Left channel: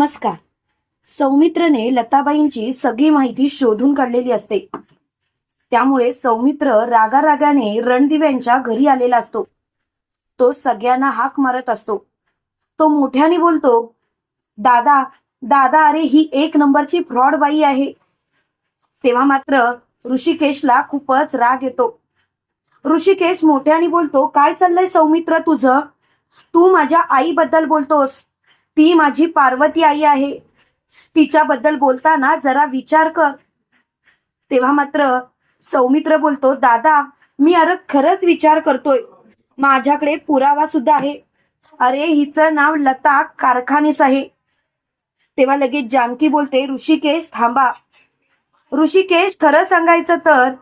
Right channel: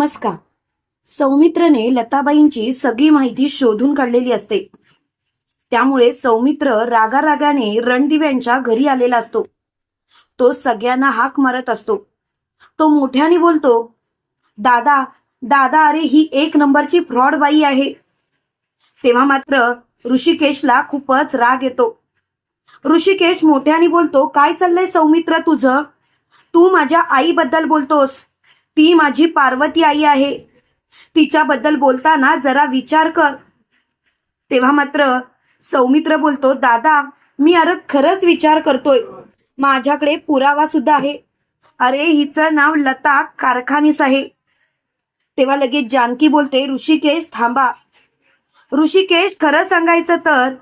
नमस्कार. सौमित्रने लताबाईंची सगळी माहिती शोधून काढलेली असते. त्यामुळे सौमित्र रागारागाने रणदिव्यांच्या घरी आलेला असतो. तो सगळ्यांना हाक मारत असतो. तो मोठ्याने बोलतो दादा दादा अरे ही एक नंबरची फ्रॉड बाई आहे. तेव्हा मात्र ऋषिकेशला खूपच राग येतो. ऋषिकेश मोठ्याने बोलतो काय चाललंय सौमित्र तुझं? तू माझ्या आईबद्दल बोलतोस. ती माझी पार्वती आई आहे. तिच्याबद्दल बोलताना जरा विचार कर. तेव्हा मात्र सौमित्र बोलतो दादा मी अरे खरंच विचार करतोय. माझ्याकडे पुरावा सुद्धा आहे. अरे हिचं नाव लता कारखानीस आहे. तेव्हा लगेच जानकी बोलते ऋषिकेश थांबा. ऋषिकेश खरं सांगायचं तर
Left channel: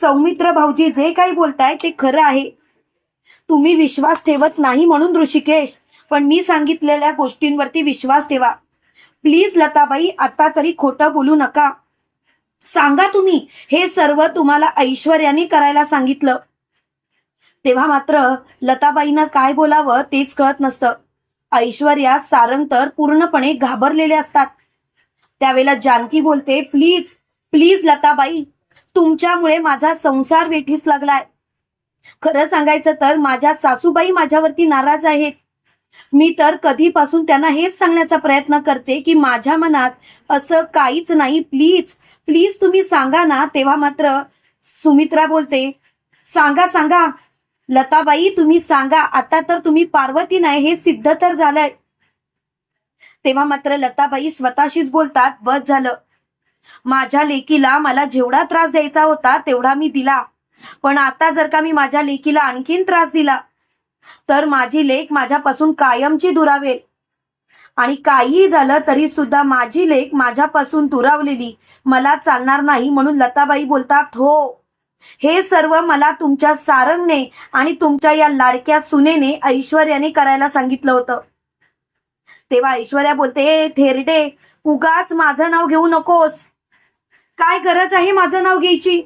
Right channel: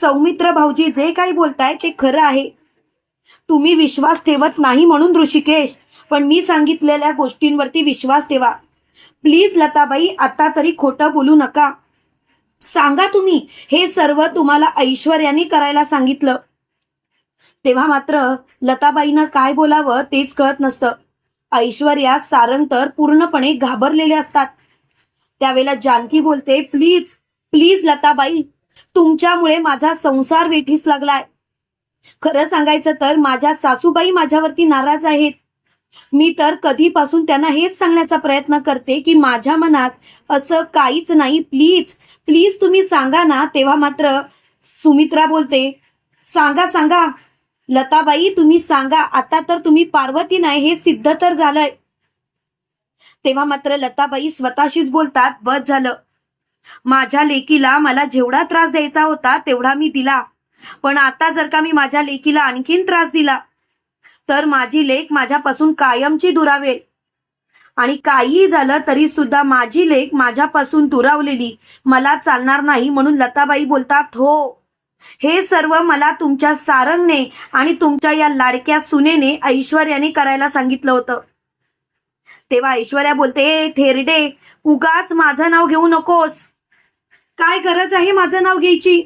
सौमित्र भाऊजी जे काही बोलताय ते खरं आहे. तुम्ही विश्वास ठेवत नाही म्हणून ऋषिकेश पण मी सांगितलेल्या गोष्टींवरती विश्वास ठेवा. प्लीज लताबाई आता तरी खोटं बोलू नका. सांगा तुम्ही हे सर्व तुम्हाला ऐश्वर्याने करायला सांगितलं. तेव्हा मात्र लताबाईनं काय बोलावं तेच कळत नसतं. ऐश्वर्या सारंग तर पूर्णपणे घाबरलेले असतात. त्यावेळेला जानकी बोलते प्लीज प्लीज लताबाई तुमच्यामुळे माझा संसार वेठीस लागलाय. खरं सांगायचं तर माझ्या सासूबाई माझ्यावरती नाराज आहेत. मी तर कधीपासून त्यांना हेच सांगण्याचा प्रयत्न करते की माझ्या मनात असं काहीच नाही. प्लीज प्लीज तुम्ही सांगा ना. तेव्हा मात्र सुमित्रा बोलते सांगा सांगा. लताबाई तुम्ही सांगा. आता तर तुम्ही पार्वती नाही हे सिद्ध तर झालंय. तेव्हा मात्र लताबाई स्वतःशीच बोलतात बस झालं. माझ्या लेकीला मला जेवढा त्रास द्यायचा होता तेवढा मी दिला. पण आता जर का मी माझ्या लेकीला आणखीन त्रास दिला तर माझी लेख माझ्यापासून कायमची दुरावेल. आणि काहीही झालं तरी सुद्धा माझी लेख माझ्यापासून दुरावलेली. मला चालणार नाही म्हणून लताबाई बोलतात हो. हे सर्व मला तुमच्या सारंगने आणि तुमच्या या लाडक्या सुनेने ऐश्वर्याने करायला सांगितलं होतं. तेव्हा ऐश्वर्या बोलते थेरडे उगाच माझं नाव घेऊ नकोस. काय गरज आहे माझं नाव घ्यायची?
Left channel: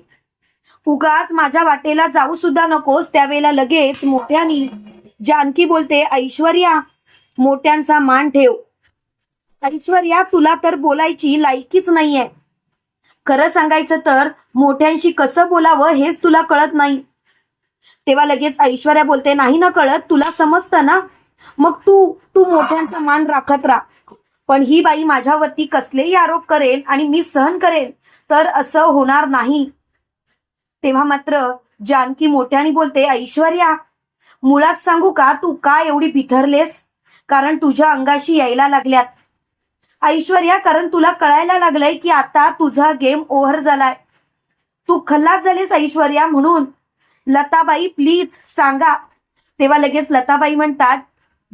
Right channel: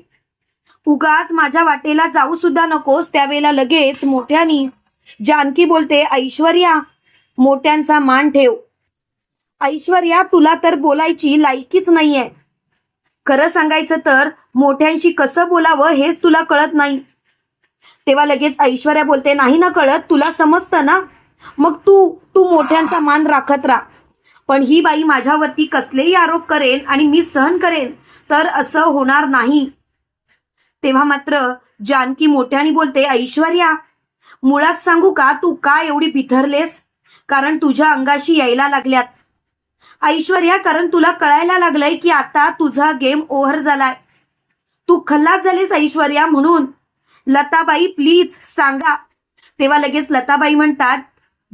उगाच माझ्या वाटेला जाऊ सुद्धा नकोस. त्यावेळेला लगेच मोठ्यानी जानकी बोलते ऐश्वर्या मोठ्यांचा मान ठेव. ऐश्वर्या तुला तर बोलायची लायकीच नाहीये. खरं सांगायचं तर मोठ्यांशी कसं बोलावं हेच तुला कळत नाही. तेव्हा लगेच ऐश्वर्या बोलते नाही ना कळत तुला समजतं ना? मग तू तू मोठ्यांचा मान राखत राहा. पण ही बाई माझ्यावरती कसलेही आरोप करेल आणि मी सहन करेन तर असं होणार नाही. तेव्हा मात्र जानकी मोठ्याने बोलते ऐश्वर्या मुळात सांगू का? तू का एवढी बिथरलेस? कारण तुझ्या अंगाशी यायला लागल्यात. ऐश्वर्या कारण तुला कळायला लागलंय की आता तुझा गेम ओव्हर झालाय. तू खल्लास झालीस ऐश्वर्या म्हणून. लताबाई प्लीज सांगा. तेव्हा लगेच लताबाई म्हणतात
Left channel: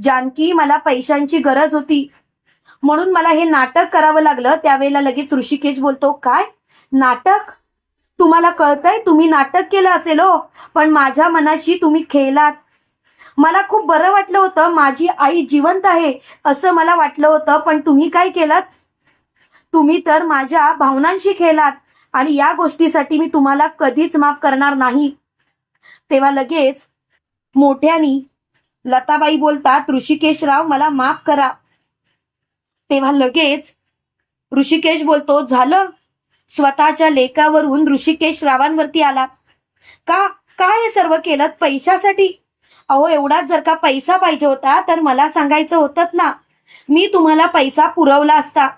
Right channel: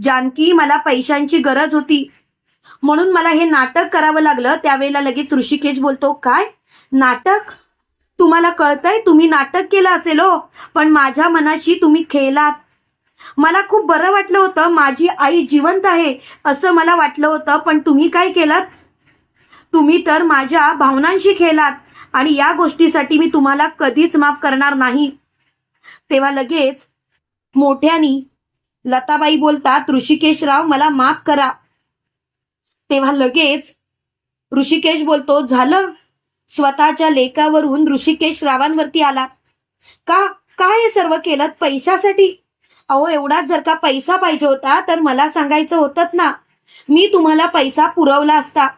जानकी मला पैशांची गरज होती. म्हणून मला हे नाटक करावं लागलं. त्यावेळेला लगेच ऋषिकेश बोलतो काय? नाटक? तुम्हाला कळतंय? तुम्ही नाटक केलं असेल हो. पण माझ्या मनाशी तुम्ही खेळलात. मला खूप बरं वाटलं होतं. माझी आई जिवंत आहे असं मला वाटलं होतं. पण तुम्ही काय केलं तुम्ही तर माझ्या भावनांशी खेळलात आणि या गोष्टीसाठी मी तुम्हाला कधीच माफ करणार नाही. तेव्हा लगेच मोठ्यानी लताबाई बोलतात ऋषिकेशराव मला माफ करा. तेव्हा लगेच ऋषिकेश बोलतो झालं. स्वतःच्या लेखावरून ऋषिकेश रावांवरती आला का? काय हे सर्व केलं पैशासाठी? अहो एवढाच जर का पैसा पाहिजे होता तर मला सांगायचं होतं ना. मी तुम्हाला पैसा पुरवला असता.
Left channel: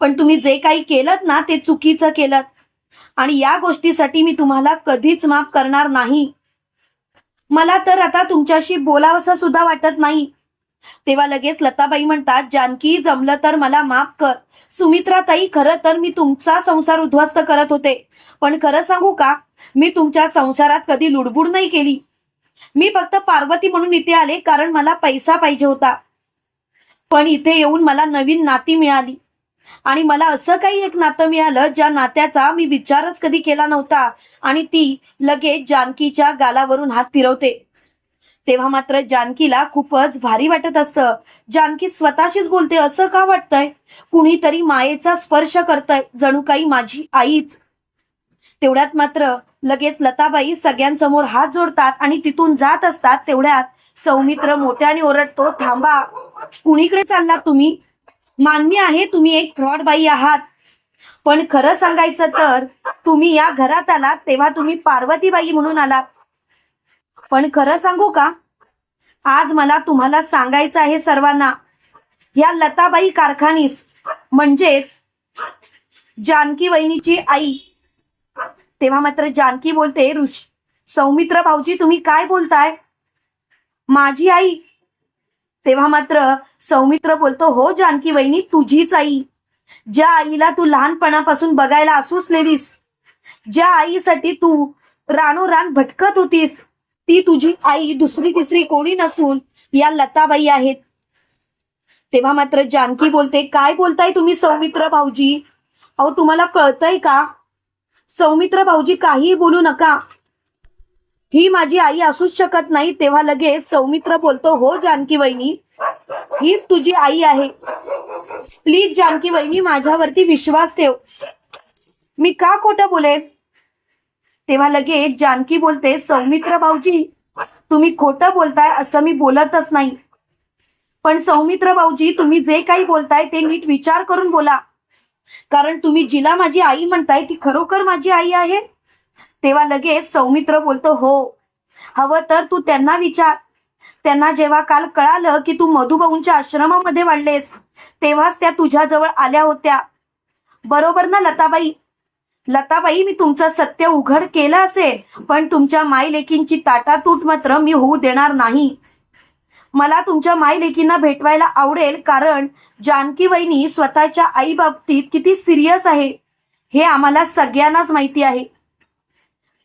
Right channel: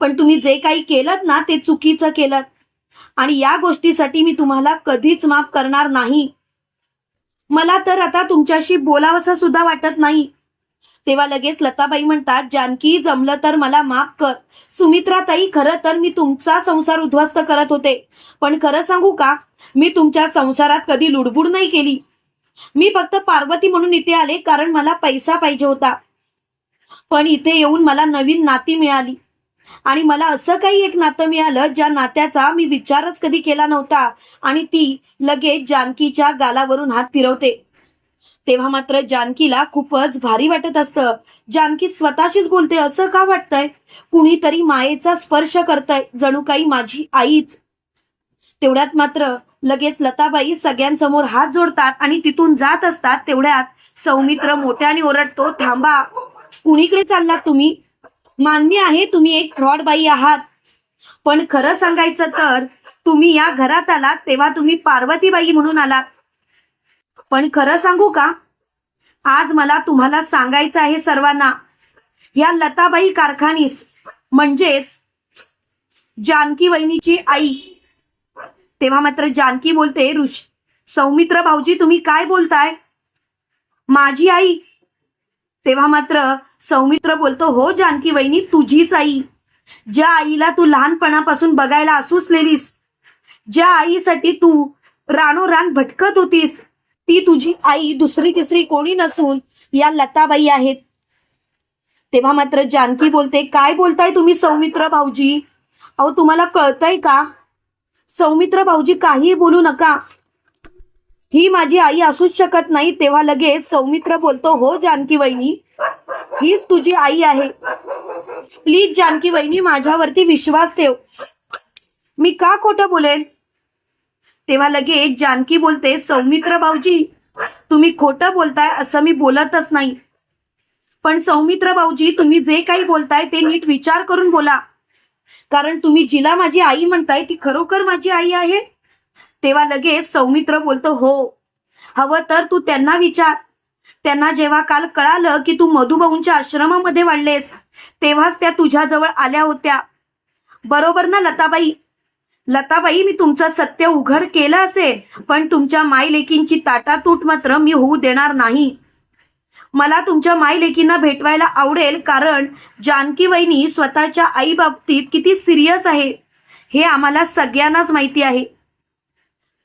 पण तुम्ही जे काही केलं ना ते चुकीचं केलं आणि या गोष्टीसाठी मी तुम्हाला कधीच माफ करणार नाही. मला तर आता तुमच्याशी बोलावंसं सुद्धा वाटत नाही. तेव्हा लगेच लताबाई म्हणतात जानकी जमलं तर मला माफ कर. सुमित्राताई खरं तर मी तुमचा संसार उद्ध्वस्त करत होते. पण खरं सांगू का? मी तुमच्या संसारात कधी लुडबुड नाही केली. मी फक्त पार्वती म्हणून इथे आले कारण मला पैसा पाहिजे होता. पण इथे येऊन मला नवीन नाती मिळाली. आणि मला असं काही एक नातं मिळालं ज्या नात्याचा मी विचारच कधी केला नव्हता. आणि ती लगेच जानकीच्या गालावरून हात फिरवते. तेव्हा मात्र जानकीला खूपच भारी वाटत असतं. जानकी स्वतःशीच बोलते असं का वाटतंय? कुणीतरी मायेचा स्पर्श करतय जणू काही माझी आईच. तेवढ्यात मात्र लगेच लताबाई सगळ्यांसमोर हात जोडतात आणि तिथून जात असतात तेवढ्यात सौमित्र मोठ्याने ओरडतो थांबा कुणीकडे चाललात तुम्ही? मान्य आहे तुम्ही एक फ्रॉड बाई आहात. पण खरं सांगायचं तर तुम्ही या घरात आलात तेव्हा तुम्ही पार्वतीबाई म्हणून आलात. पण खरं सांगू का? आज मला तुम्हाला सांगायचं आहे सर्वांना. या लताबाई कारखानीस म्हणजेच जानकी वहिनीची आई तेव्हा मात्र जानकी बोलते ऋष सौमित्र भाऊजी तुम्ही काय बोलताय? माझी आई. तेव्हा मात्र सौमित्र बोलतो हो जानकी वहिनी तुझीच आई. ज्या आईला तू लहानपणापासून बघायला असूसलेलीस ज्या आईसाठी तू रानोरान भटकत होतीस ती तुझी आई दुसरी तिसरी कोणी नसून या लताबाई आहेत. तेव्हा मात्र जानकी बोलते काय बोलताय तुम्ही सौमित्र भाऊजी? अहो तुम्हाला कळतंय का? सौमित्र भाऊजी काहीही बोलू नका. ही माझी आई असूच शकत नाही तेव्हा लगेच सौमित्र बोलतो हो जानकी वहिनी हीच तुझी आई आहे. प्लीज जानकी वहिनी माझ्यावरती विश्वास ठेव. मी का खोटं बोलेन? तेव्हा लगेच जानकी बोलते सौमित्र भाऊजी तुम्ही खोटं बोलताय असं मी बोलतच नाही. पण सौमित्र भाऊजी तुम्ही जे काही बोलताय ते नीट विचार करून बोला. कारण तुम्ही जिला माझी आई म्हणताय ती खरोखर माझी आई आहे? तेव्हा लगेच सौमित्र बोलतो हो. हवं तर तू त्यांना विचार. त्यांना जेव्हा काल कळालं की तू मधुभाऊंच्या आश्रमामध्ये वाढलेस तेव्हाच त्या तुझ्याजवळ आल्या होत्या. बरोबर ना लताबाई? लताबाई मी तुमचं सत्य उघड केलं असेल पण तुमच्या मायलेकींची ताटातूट मात्र मी होऊ देणार नाही. मला तुमच्या मायलेकींना भेटवायला आवडेल कारण जानकी वहिनी स्वतःच्या आई बाबतीत किती सिरियस आहे हे आम्हाला सगळ्यांनाच माहिती आहे.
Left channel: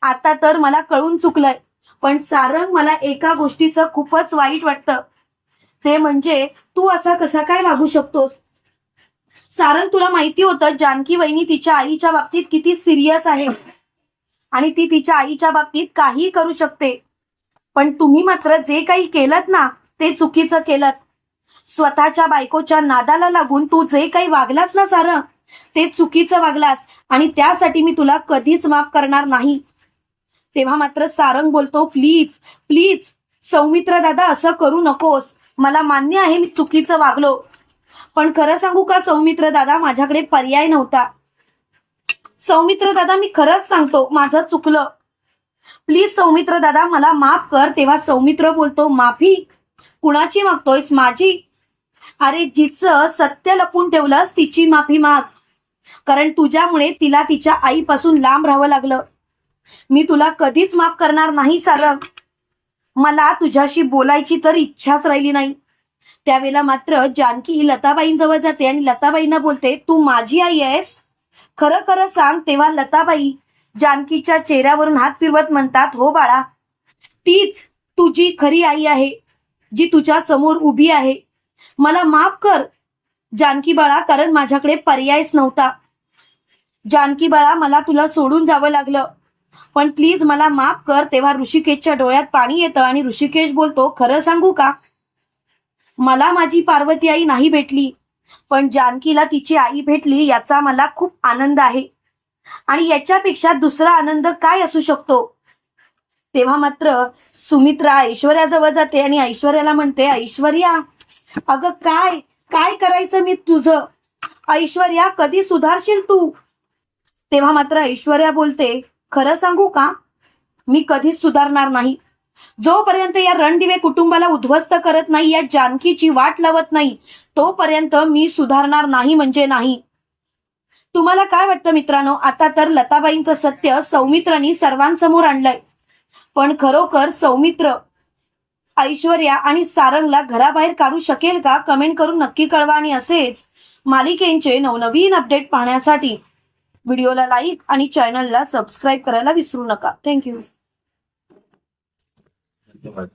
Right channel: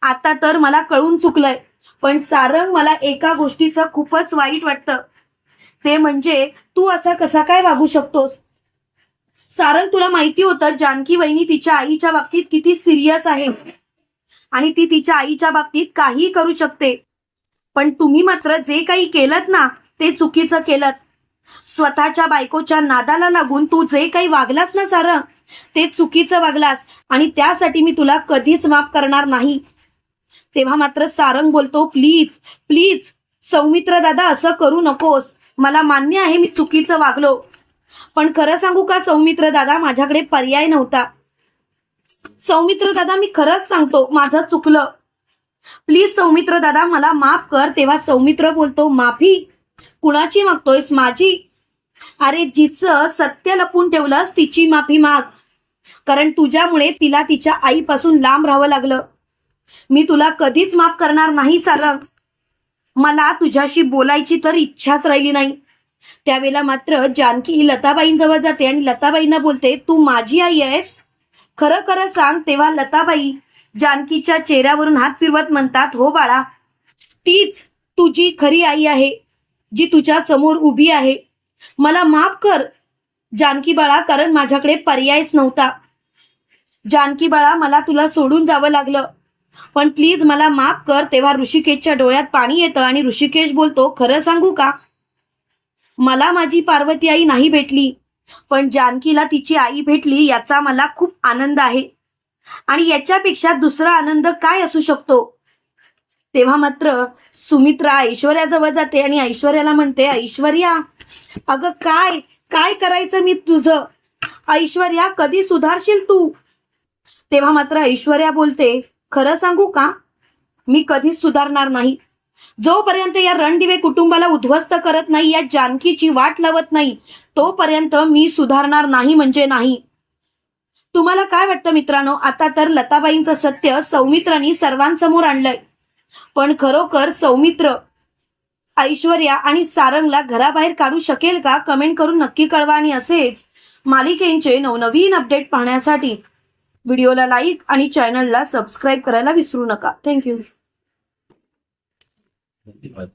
आता तर मला कळून चुकलंय पण सारंग मला एका गोष्टीचं खूपच वाईट वाटतं. ते म्हणजे तू असा कसा काय वागू शकतोस? सारंग तुला माहिती होतं जानकी वहिनी तिच्या आईच्या बाबतीत किती सिरियस आहे. आणि ती तिच्या आईच्या बाबतीत काही करू शकते. पण तुम्ही मात्र जे काही केलं ना ते चुकीचं केलं. स्वतःच्या बायकोच्या नादाला लागून तू जे काही वागलास ना सारं ते चुकीचं वागलास आणि त्यासाठी मी तुला कधीच माफ करणार नाही. तेव्हा मात्र सारंग बोलतो प्लीज प्लीज सौमित्र दादा असं करू नकोस. मला मान्य आहे मी चुकीचं वागलो. पण खरं सांगू का सौमित्र दादा माझ्याकडे पर्याय नव्हता. सौमित्र दादा मी खरंच सांगतो माझं चुकलं. प्लीज सौमित्र दादा मला माफ कर. तेव्हा सौमित्र बोलतो माफी कुणाची मागतोयस? माझी. अरे जिचं सत्य लपून ठेवलंस तिची माफी माग. कारण तुझ्यामुळे तिला तिच्या आईपासून लांब राहावं लागलं. मी तुला कधीच माफ करणार नाही सारंग मला तुझ्याशी बोलायची तर इच्छाच राहिली नाही. त्यावेळेला मात्र जानकी ही लताबाईंजवळ जाते आणि लताबाईंना बोलते तू माझी आई आहेस? खरं खरं सांग तेव्हा लताबाई जानकीच्या चेहऱ्यावरून हात फिरवत म्हणतात हो बाळा तीच तुझी खरी आई आहे. जी तुझ्या समोर उभी आहे. मला माफ कर जानकी बाळा कारण माझ्याकडे पर्यायच नव्हता. जानकी बाळा मला तुला सोडून जावं लागलं. पण प्लीज मला माफ कर तेव्हा ऋषिकेशच्या डोळ्यात पाणी येतं आणि ऋषिकेश बोलतो खरं सांगू का? मला माझी पार्वती आई नाही भेटली पण जानकीला तिची आई भेटली याचा मला खूप आनंद आहे. आणि याच्यापेक्षा दुसरा आनंद काय असू शकतो? तेव्हा मात्र सुमित्रा ऐश्वर्याजवळ जाते आणि ऐश्वर्याला म्हणते ऐश्वर्या अगं काय काय करायचं मी तुझं? ऐश्वर्या कधी सुधारशील तू? तेव्हा मात्र ऐश्वर्या बोलते खरं सांगू का? मी कधीच सुधारणार नाही. जोपर्यंत या रणदिवे कुटुंबाला उद्ध्वस्त करत नाही या जानकीची वाट लावत नाही तोपर्यंत मी सुधारणार नाही म्हणजे नाही. तुम्हाला काय वाटतं मित्रांनो? आता तर लताबाईंचं सत्य सौमित्रांनी सर्वांसमोर आणलंय. पण खरोखर सौमित्र ऐश्वर्या आणि सारंगला घराबाहेर काढू शकेल का? कमेंट करून नक्की कळवा आणि असेच मालिकेंचे नवनवीन अपडेट पाहण्यासाठी व्हिडिओला लाईक आणि चॅनलला सबस्क्राईब करायला विसरू नका. थँक्यू धन्यवाद.